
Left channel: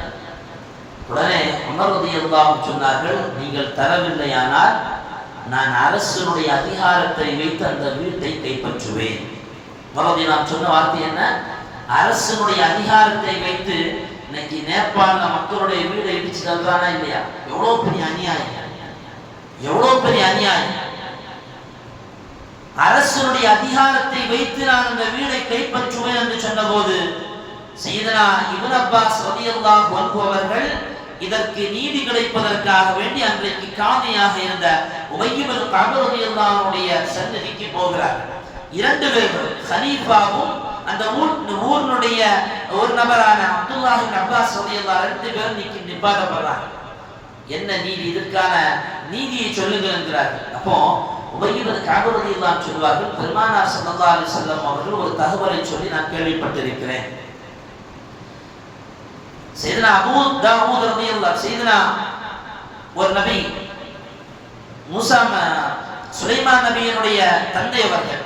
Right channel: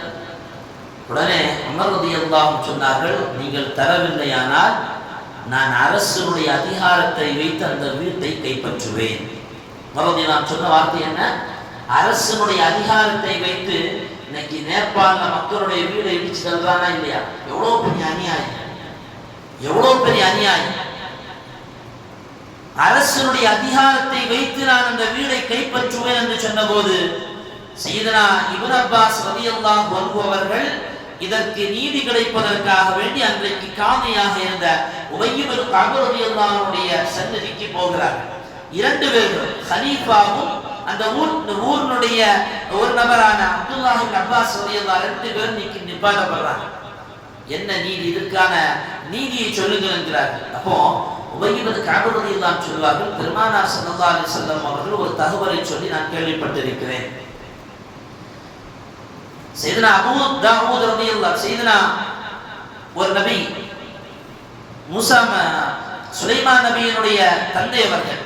Speaker 1: உடனே உமர் ரலியல்லாஹு சொன்னார்கள் நீங்கள் தரவில்லையானால் நான் அரசனுடைய அதிகாரத்தை வைத்து அந்த வீட்டை கைப்பற்றுவேன். மறுபடியும் நான் சொன்ன வார்த்தை என்ன? அரசனுடைய அதிகாரத்தை வைத்து இன்னைக்கு நேபாள மக்களுடைய வீடை இடிச்சு தள்ளுறானா இல்லையா? எவ்வளவு பெரிய அநியாயம். எவ்வளவு பெரிய அநியாயம். அரசனுடைய அதிகாரத்தை வைத்து நான் அந்த வீடை கைப்பற்றுவேன் என்று சொன்னபோது செய்தனா இவன் அப்பாஸ் ரலியல்லாஹு வருபவர்கள் இதற்கு நீதி கிடைப்பதற்காக வேண்டி அன்றைக்கு காதியாக இருந்த உமையுமது கபருடைய சன்னதிக்கு போகிறார்கள் இரண்டு பேர்கள் ஹலீஃபாவும் அந்த ஊர் ஊரினுடைய ஒரு நபரான அப்துல்லாஹின் அப்பாஸ் ரலியல்லா ரெண்டு பேரும் நிக்கி நிப்பாட்டப்படுறாங்க. என்ன நீதி? இதற்கான நீதியை சொல்லுங்கள் என்கிறார்கள் அப்போ உபயோகது காபரதியெல்லாம் சொல்வார்கள் பெருமானார் சல்லா அலி செல்லம் அவர்கள் ஒரு தகவலை சொல்லி நான் கேள்விப்பட்டிருக்கிறேன். செய்தனா அபூ தாவூத் ரலியல்லாஹு செய்தனா ஒரு நபி மூசா சுலைமா சுலைமான் நபியினுடைய தந்தை அவர்கள்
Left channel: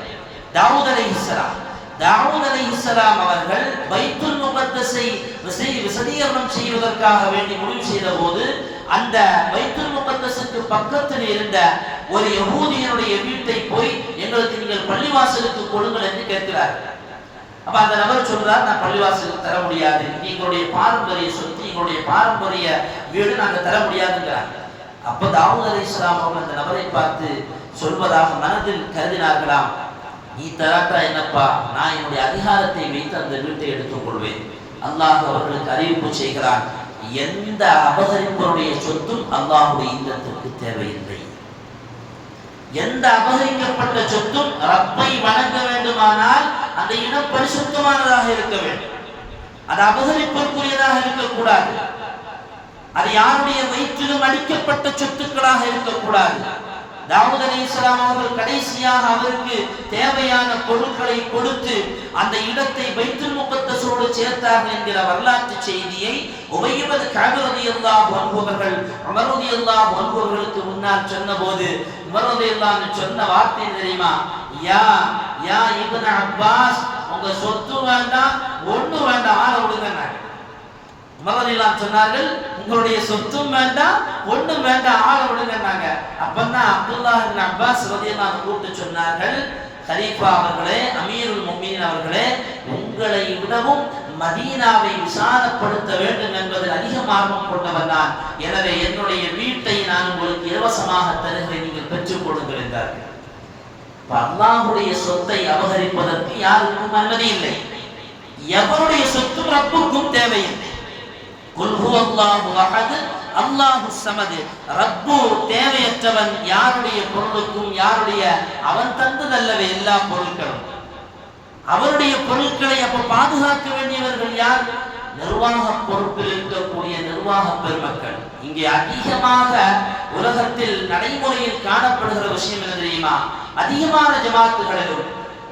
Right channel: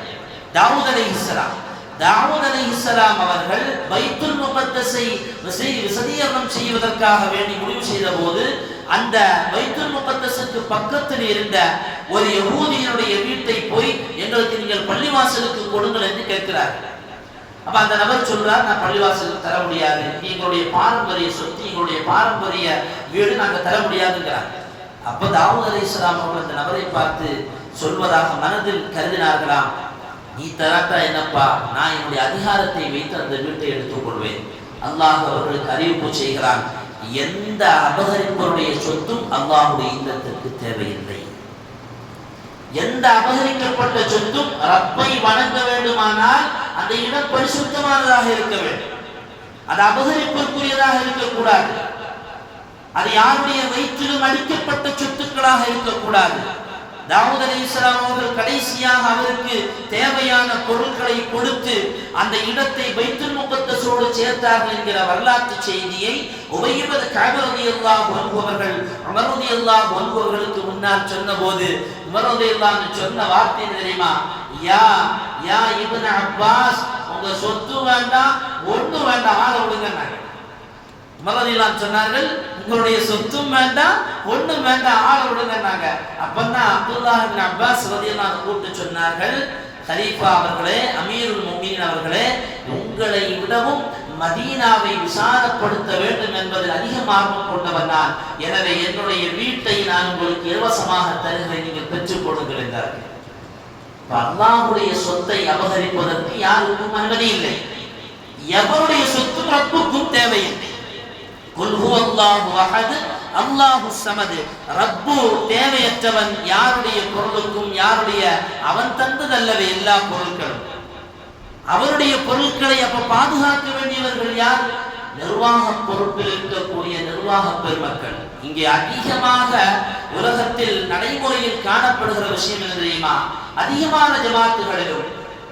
Speaker 1: தாவூத் அலைஹிஸ்ஸலாம் தாவூத் அலைஹிஸ்ஸலாம் அவர்கள் பைத்துல் முகத்தஸை விசை- விசதீகரணம் செய்வதற்காக வேண்டி முடிவு செய்த போது அந்த பைத்துல் முகத்தஸுக்கு பக்கத்தில் இருந்த ஒரு யகூதியனுடைய வீட்டை போய் எங்களுக்கு நீங்கள் பள்ளிவாசலுக்கு கொடுங்கள் என்று கேட்கிறார்கள் அப்ப அந்த நபர் சொல்றார் நான் பள்ளிவாசலுக்கு தர முடியாது. எங்களுடைய பாரம்பரிய சொத்து எங்களுடைய பாரம்பரிய வீடு நாங்கள் தர முடியாதுங்கிறார். அப்ப தாவூத் அலி இஸ்லாம் அவர்கள் அந்த நபரை பார்த்து சொல்வதாக மனதில் கருதினார்களாம். நீ தராட்டா என்னப்பா? நான் என்னுடைய அதிகாரத்தை வைத்து அந்த வீட்டை எடுத்துக் கொள்வேன் அல்லாஹ் அவர்களுக்கு அறிவிப்பு செய்கிறான் எந்த அபகரிப்பவருடைய சொத்தும் அல்லாஹுடைய இல்லத்திற்கு தேவையில்லை. எந்த அபகரிக்கப்பட்ட சொத்தும் ரப்பை வணங்க வேண்டுமானால் அந்த இடம் பரிசுத்தமானதாக இருக்க வேண்டும். அது அபகரிப்பிற்குரியதாக இருக்கக்கூடாது. அது யாருடைய வயிற்றிலும் அளிக்கப்பட்ட சொத்துக்களாக இருக்கக்கூடாது. தாவூத் அலி இஸ்லாம் அவர்கள் கடைசியாக அவருக்கு தேவையான பொருட்களை கொடுத்து அந்த இடத்தை பைத்துல் முகத்தசோடு சேர்த்தார்கள் என்கிற வரலாற்று செய்தியை உபயுபது காபரதி அல்லா ஒன்பவர்கள் அமரதி அல்லா ஒன்பவர்களுக்கு முன்னால் சொன்னபோது உமரதி எல்லாம் சொன்ன வார்த்தை தெரியுமா? யா யா இப்னு அப்பாஸ் உங்க சொத்து வேண்டாம் ஒண்ணு வேண்டாம் ஆக விடுங்க மரதிலாம் சொன்னார்கள் உங்களுடைய சொத்தும் வேண்டாம் ஒன்றும் வேண்டாம் ஆள விடுங்கன்னாங்க. அப்பந்தான் அப்துல்லாஹ் அப்பாஸ் ரதியெல்லாம் கூப்பிட்டு சொன்னார்கள் ஹரீஃபா அவர்களே அமீருல் முமீன் அவர்களே உங்களை விடவும் மதீனாவை விசாரப்படுத்த வேண்டும் என்பதில் அதிகம் ஆர்வம் கொண்டவர் நான். எனவே என்னுடைய வீட்டை நான் உங்களுக்கு இலவசமாக தருகிறேன் நீங்கள் பெற்றுக் கொள்ளுங்கள் என்றார்கள். அல்லாஹுடைய சொத்தை அபகரிப்பதற்கு யாருக்கும் அனுமதி இல்லை. எவருடைய சொத்தும் ரப்புக்கும் தேவையில்லை. அல்லாஹு சமது ரப்பு தேவையற்றவன் யாருடைய பொருளுக்கும் யாருடைய அவன் தந்ததல்லவே எல்லா பொருட்களும். அவருடைய பொருட்களை அப்ப பாதுகாக்க வேண்டியவர்கள் யார்? நிர்வாக பொறுப்பில் இருக்கக்கூடிய நிர்வாக பெருமக்கள். இங்கே அதிகமாக உலகத்தில் நடைமுறையில் காணப்படுகிற விஷயம் என்ன தெரியுமா? அதிகமான ஜமாத்துகளிலும்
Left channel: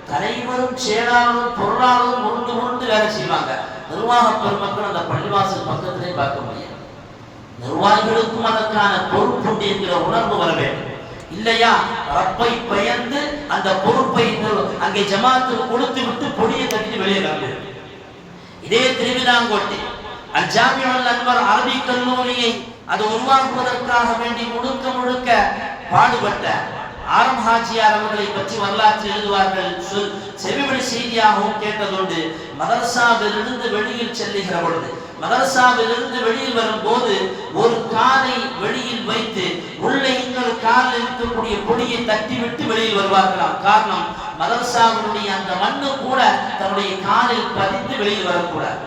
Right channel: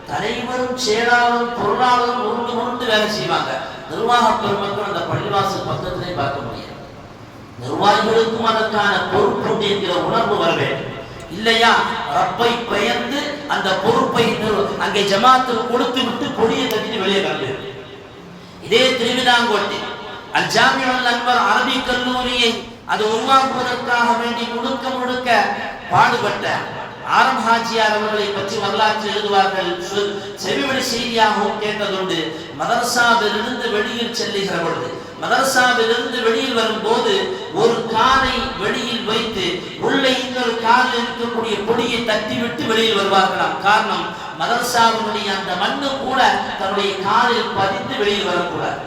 Speaker 1: தலைவரும் சேராலும் பொருளாலும் உருண்டு உருண்டு வேலை செய்வாங்க. நிர்வாக பெருமக்கள் அந்த பள்ளிவாசல் பக்கத்திலே பார்க்க முடியாது நிர்வாகிகளுக்கும் அதற்கான பொறுப்புண்டு என்கிற உணர்வு வர வேண்டும். இல்லையா? ரப்பை பயந்து அந்த பொறுப்பை அங்கே ஜமாத்து கொடுத்து விட்டு கொடியை கட்டிட்டு வெளியே காட்டு இதே திருவிதாங்கோட்டை அல் நண்பர் அன்வர் அரபிக் கல்லூரியை அது உருவாக்குவதற்காக வேண்டி முழுக்க முழுக்க பாடுபட்ட ஆரம் ஹாஜியார் அவர்களை பற்றி வரலாற்று எழுதுவார்கள். செவிமொழி செய்தியாகவும் கேட்டதோடு மதரசாவிலிருந்து வெளியில் செல்லுகிற பொழுது மதரசாவிலிருந்து வெளியில் வரும்போது ஒரு காலை வெளியில் வைத்து உள்ளே இன்னொரு காலில் இருக்கக்கூடிய பொடியை தட்டிவிட்டு வெளியில் வருவார்களாம். காரணம் மதரசாவினுடைய அந்த மண்ணு கூட தன்னுடைய காலில் பதித்து வெளியில் வரக்கூடாது.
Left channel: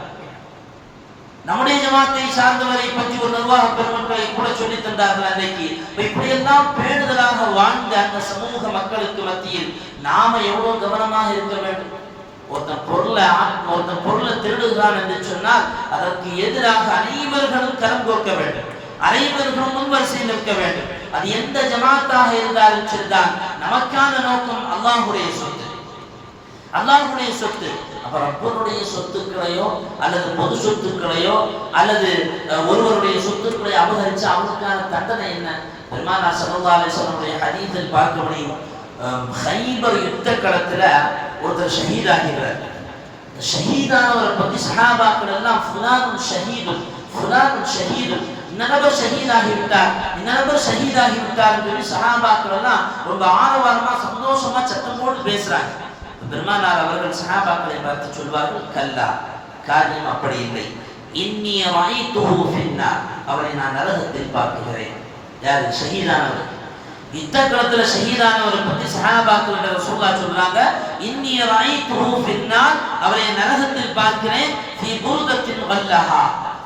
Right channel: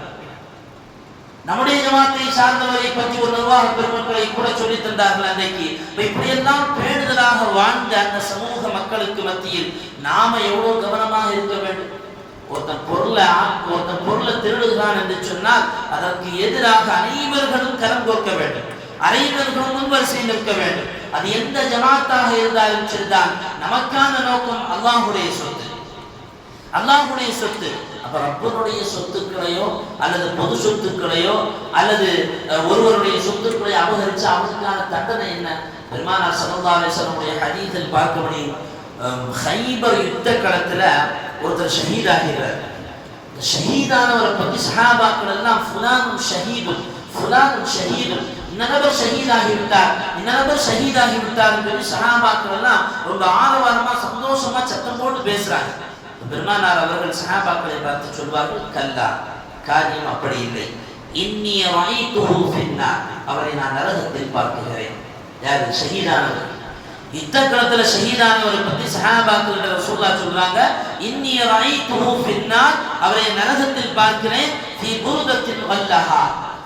Speaker 1: நம்முடைய ஜமாத்தை சார்ந்தவரை பற்றி ஒரு நிர்வாக பெருமக்களை கூட சொல்லி தந்தார்கள் அன்றைக்கு. இப்படியெல்லாம் பேணுதலாக வாழ்ந்த அந்த சமூக மக்களுக்கு மத்தியில் நாம எவ்வளவு கவனமாக இருக்க வேண்டும்? ஒருத்தன் பொருளை ஒருத்தன் பொருளை திருடுகிறான் என்று சொன்னால் அதற்கு எதிராக அனைவர்களும் கரம் கோர்க்க வேண்டும். அனைவர்களும் முன்வரிசை நிற்க வேண்டும். அது எந்த ஜமாத்தாக இருந்தாலும் சரிதான். நமக்கான நோக்கம் அல்லாஹுடைய சொத்து. அல்லாஹுடைய சொத்து. அப்ப ரப்பருடைய சொத்துக்களையோ அல்லது பொது சொத்துக்களையோ அல்லது ஒருவருடைய சொத்துக்களை அபகரிச்சு அவனுக்கான தண்டனை என்ன? பெருமானார் ஸல்லல்லாஹு அலைஹி வஸல்லமுடைய பார்க்க முடியும் ஹைபர் யுத்த களத்துல ஒருத்தர் ஷஹீதாகிறார். ஷஹீதானவரை பற்றி சஹாபாக்கள் எல்லாம் ஃபுலானும் ஷஹீதும் ஃபுலானும் ஷஹீதும். இந்த நபர் ஷஹீதாகி விட்டார். இந்த நபர் ஷஹீதாகி சொல்லி சஹாபாக்கள் எல்லாம் ரொம்ப ஆரவாரமா சந்தோஷமா சத்தம் போட்டு பேசுறாங்க. பெருமானார் அவர்கள் சஹாபாக்களை பார்த்து சொல்வார்கள் கல்லா காரியம் அப்படி இல்லை இன்னிய ரைத்துஹு ஃபின்னார். அவரை நான் நரகத்தில் பார்க்கிறேன் யாரு? ஷஹீதானவர். யுத்த களத்துல ஷஹீதானவரை பத்தி சஹாபாக்கள் ரசூல்லா சொல்றாங்க இன்னிய ரைத்துஹு ஃபின்னார். அவரை நரகத்தில் பார்க்கிறேன் ஃபி புருதத்தில் வல்லஹா.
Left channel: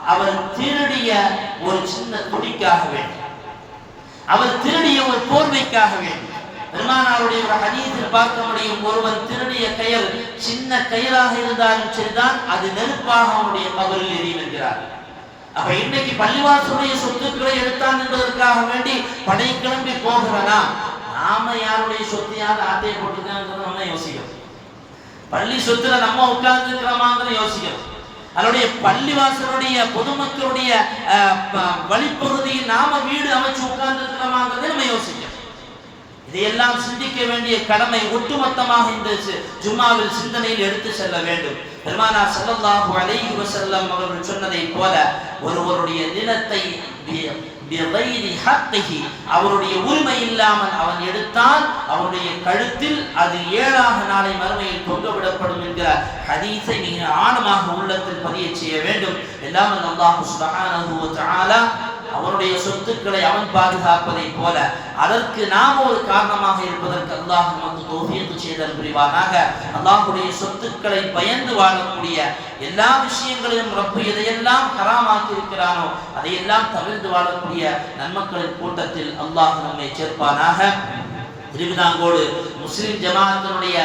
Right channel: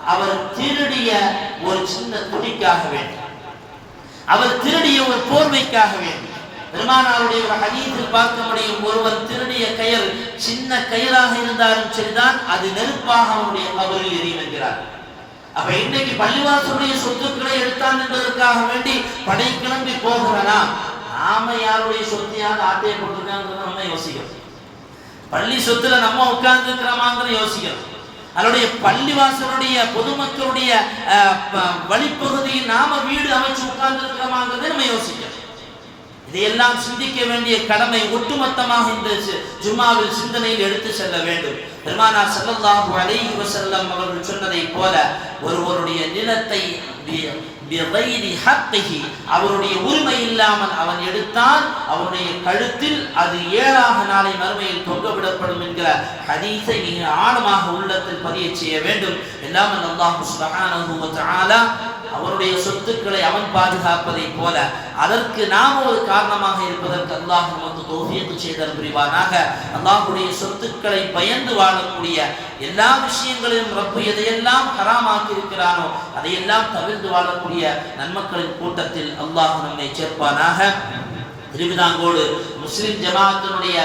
Speaker 1: அவர் திருடிய ஒரு சின்ன துணிக்காக வேண்டும். அவர் திருடிய ஒரு போர்வைக்காக வேண்டும். பெருமானாருடைய ஒரு ஹதீஸில் பார்க்க முடியும். ஒருவன் திருடிய கயல் சின்ன கயிறாக இருந்தாலும் சரிதான் அது நெருப்பாக அவனுடைய கபரில் எரியும் அப்ப இன்னைக்கு பள்ளிவாசனுடைய சொத்துக்களை எடுத்தான் என்பதற்காக வேண்டி படை கிளம்பி போகிறனா? நாம யாருடைய சொத்தையாவது ஆட்டையை போட்டுருக்காங்கிறத நம்ம யோசிக்கிறோம். பள்ளி சொத்துல நம்ம உட்கார்ந்து இருக்கிறோமாங்கிற யோசிக்கிறோம். அதனுடைய பள்ளிவாசலுடைய பொதுமக்களுடைய அஹ், வழிப்பகுதியில் நாம வீடு அமைச்சு உட்கார்ந்து இருக்கிறோமாங்கிறதை நம்ம யோசிக்கிறோம். இதையெல்லாம் சிந்திக்க வேண்டிய கடமை ஒட்டுமொத்தமாக இந்த ஜுமாவில் சிந்தனையில் எடுத்து செல்ல வேண்டும். பெருமானா ஸல்லல்லாஹு அலைஹி வஸல்லம் அவர்கள் சொன்னதைப் போல ஒருவருடைய நிலத்தை அவருடைய உரிமை இல்லாமல் அவன் எடுத்தான் அவருடைய கழுத்தில் அது ஏழாக நாளை மறுமையில் தொங்கவிடப்படும் என்கிற ஹதீஸை நீங்கள் ஆழமாக உள்ளத்தில் பதிய செய்ய வேண்டும். எல்லாம் அல்லாஹு வ தஆலா அவனுடைய சொத்துக்களை அவன் பாதுகாப்பதை போல அதற்கு நாம் ஒரு காரணமாக இருப்பதற்கு அல்லாஹ் நமக்கு தௌஃபீக் செய்தல் புரிவானாக. அல்லாஹுடைய சொத்துக்களை பயந்து வாழக்கூடிய எல்லா விஷயங்களிலும் ரப்பு எதையெல்லாம் ஹராமாக்கி இருக்கிறானோ அதையெல்லாம் தவிர்த்து வாழக்கூடிய நன்மக்களின் கூட்டத்தில் அல்லாஹ் நம்மை சேர்ப்பானாக. திருவிதாங்கோடு முஸ்லிம் ஜமாத்தினுடைய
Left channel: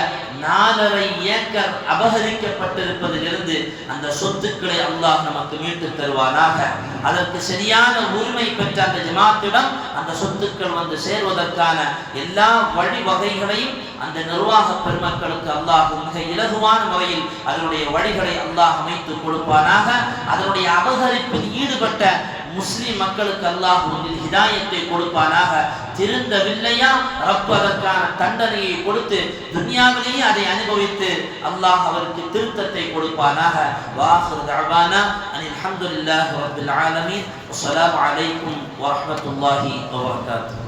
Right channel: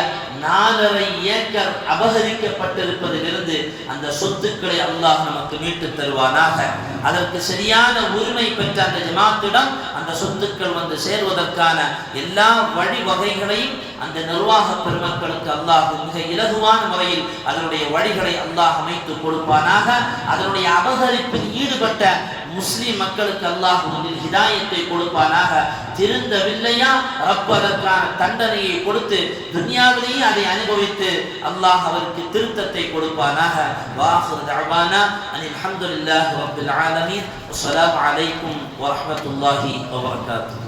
Speaker 1: நாலரை ஏக்கர் அபகரிக்கப்பட்டிருப்பதிலிருந்து அந்த சொத்துக்களை அல்லாஹ் நமக்கு மீட்டு தருவானாக. அதற்கு சரியான உரிமை பெற்ற அந்த ஜமாத்திடம் அந்த சொத்துக்கள் வந்து சேர்வதற்கான எல்லா வழிவகைகளையும் அந்த நிர்வாக பெருமக்களுக்கு அல்லாஹ் மிக இலகுவான முறையில் அதனுடைய வழிகளை அல்லாஹ் அமைத்து கொடுப்பானாக. அதனுடைய அபகரிப்பில் ஈடுபட்ட முஸ்லிம் மக்களுக்கு அல்லாஹ் ஹிதாயத்தை கொடுப்பானாக. திருந்தவில்லையா? ரப்பதற்கான தண்டனையை கொடுத்து துன்யாவிலேயே அதை அனுபவித்து அல்லாஹ் அவருக்கு திருத்தத்தை கொடுப்பானாக. வாஹிர் தஅவானா அனில் அஹமதுல்லாஹ் ரப்பில் ஆலமீன். வஸ்ஸலாமு அலைக்கும் வரமத்துல்லாஹி வபரகாத்துஹு.